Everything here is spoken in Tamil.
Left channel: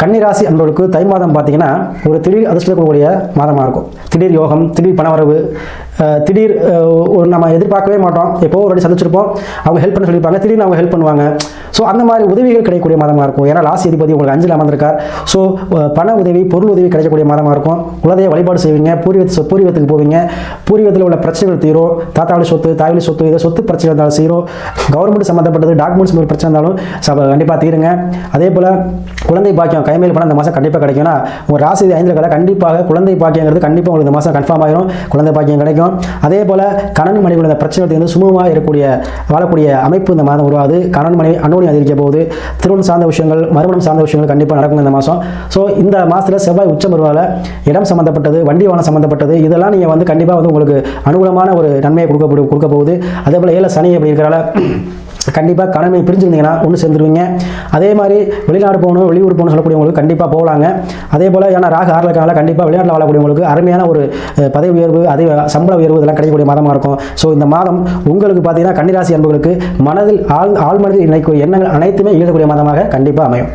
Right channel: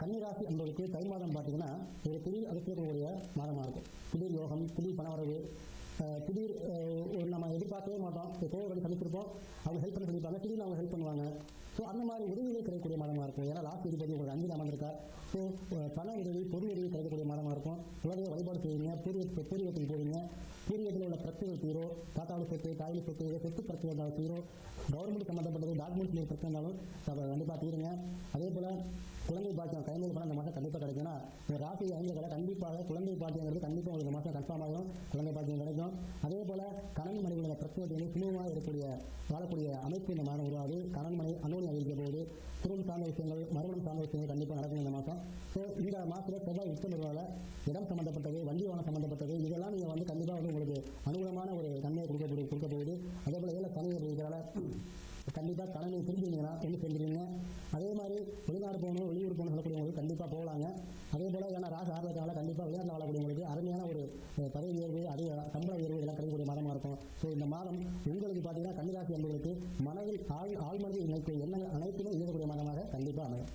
கன்னிராசி அன்பர்களுக்கு தை மாதம் பார்த்தீங்கன்னா ஒரு திடீர் அதிர்ஷ்டத்தை கொடுக்கக்கூடிய மாதமாக இருக்கும். திடீர் யோகம், திடீர் பணவரவு, திடீர் ஒரு நம்ம எதிர்பார்க்கவே மாட்டோம். எப்போ ஒரு வாட்டி சந்திச்சிருப்போம், அவங்க ஹெல்ப் பண்ண சொல்லியிருப்பாங்க, திடீர்னு அவங்க ஹெல்ப் பண்ணுவாங்க. ஸோ அந்த மாதிரி உதவிகள் கிடைக்கக்கூடிய மாதமாக இருக்கும். ஏன்னா ராசி அதிபதி உங்களுக்கு 5ல் அமர்ந்திருக்கார். ஸோ பண உதவி, பொருள் உதவி கிடைக்கக்கூடிய மாதமாக இருக்கும். குலதெய்வ வழிபாடு செய்வீங்க, பூர்வீகத்துக்கு போவீங்க, பூர்வீகத்தில் உள்ள பிரச்சனைகள் தீரும். தாத்தாவளி சொத்து, தாய்வழி சொத்து, இதை சொத்து பிரச்சனை இருந்தாலும் சீரும். கவர்மெண்ட் சம்மந்தப்பட்டது டாக்குமெண்ட்ஸ் பிரச்சனை இருந்தாலும் கண்டிப்பாக தீருங்க. அதே போல் குழந்தை பாக்கியம், கைமேல் பணம் இந்த மாதம் கண்டிப்பாக கிடைக்கும்னா உங்கள் ராசி 5ல் கண்டிப்பாக குழந்தை பாக்கியங்கிறது கண்டிப்பாக உங்களுக்கு இந்த மாதம் கன்ஃபார்ம் ஆகிடும். குழந்தை பாக்கியம் கிடைக்கும். அதே போல் கணவன் மனைவி இந்த பிரச்சனை வந்து சுமூகமாக வாழக்கூடிய அமைப்பு இந்த மாதம் உருவாது. கணவன் மனைவி அன்னோனி அதிகரிக்க போகுது. திருமணம் சார்ந்த விஷயங்கள், மறுமணம் சார்ந்த விஷயங்கள் கண்டிப்பாக நடக்கும் இந்த மாதம். ஸோ இந்த மாதத்தில் செவ்வாய் உச்சம் வருவால இடம் சம்மந்தப்பட்டது, வண்டி வாகனம் சம்மந்தப்பட்டது, இதெல்லாம் நீங்கள் வந்து கண்டிப்பாக வந்து உங்களுக்கு அனுகூலமான ஒரு நன்மையை கொடுக்க போகுது. அதே போல் 7 சனி அப்படி இருக்கிறால கண்டிப்பாக கணவனை பிரிஞ்சிருந்தீங்கன்னா ஒன்று சேர்ந்துருவீங்க. அதே மாதிரி வெளிநாடு போகணும், வெளியூர் போகணும் சொல்லக்கூடியவங்களுக்கு கண்டிப்பாக போகலாங்க. அதே போல் ஏன்னா ராகு 6ல் இருக்காங்க, கண்டிப்பாக வெளிநாட்டில் வாழக்கூடியவங்களுக்கு அருமையான ஒரு பதவி உயர்வு, அதே சம்பள உயர்வு இதெல்லாம் கிடைக்கக்கூடிய மாதமாக இருக்கும். ஸோ இந்த மாதம் உங்களுக்கு பார்த்தீங்கன்னா கன்னிராசி அன்புகளுக்கு மனதில் ஆழ்மனதில் எண்ணங்கள் அனைத்துமே ஈழக்கூடிய மாதமாக கண்டிப்பாக அமையும்.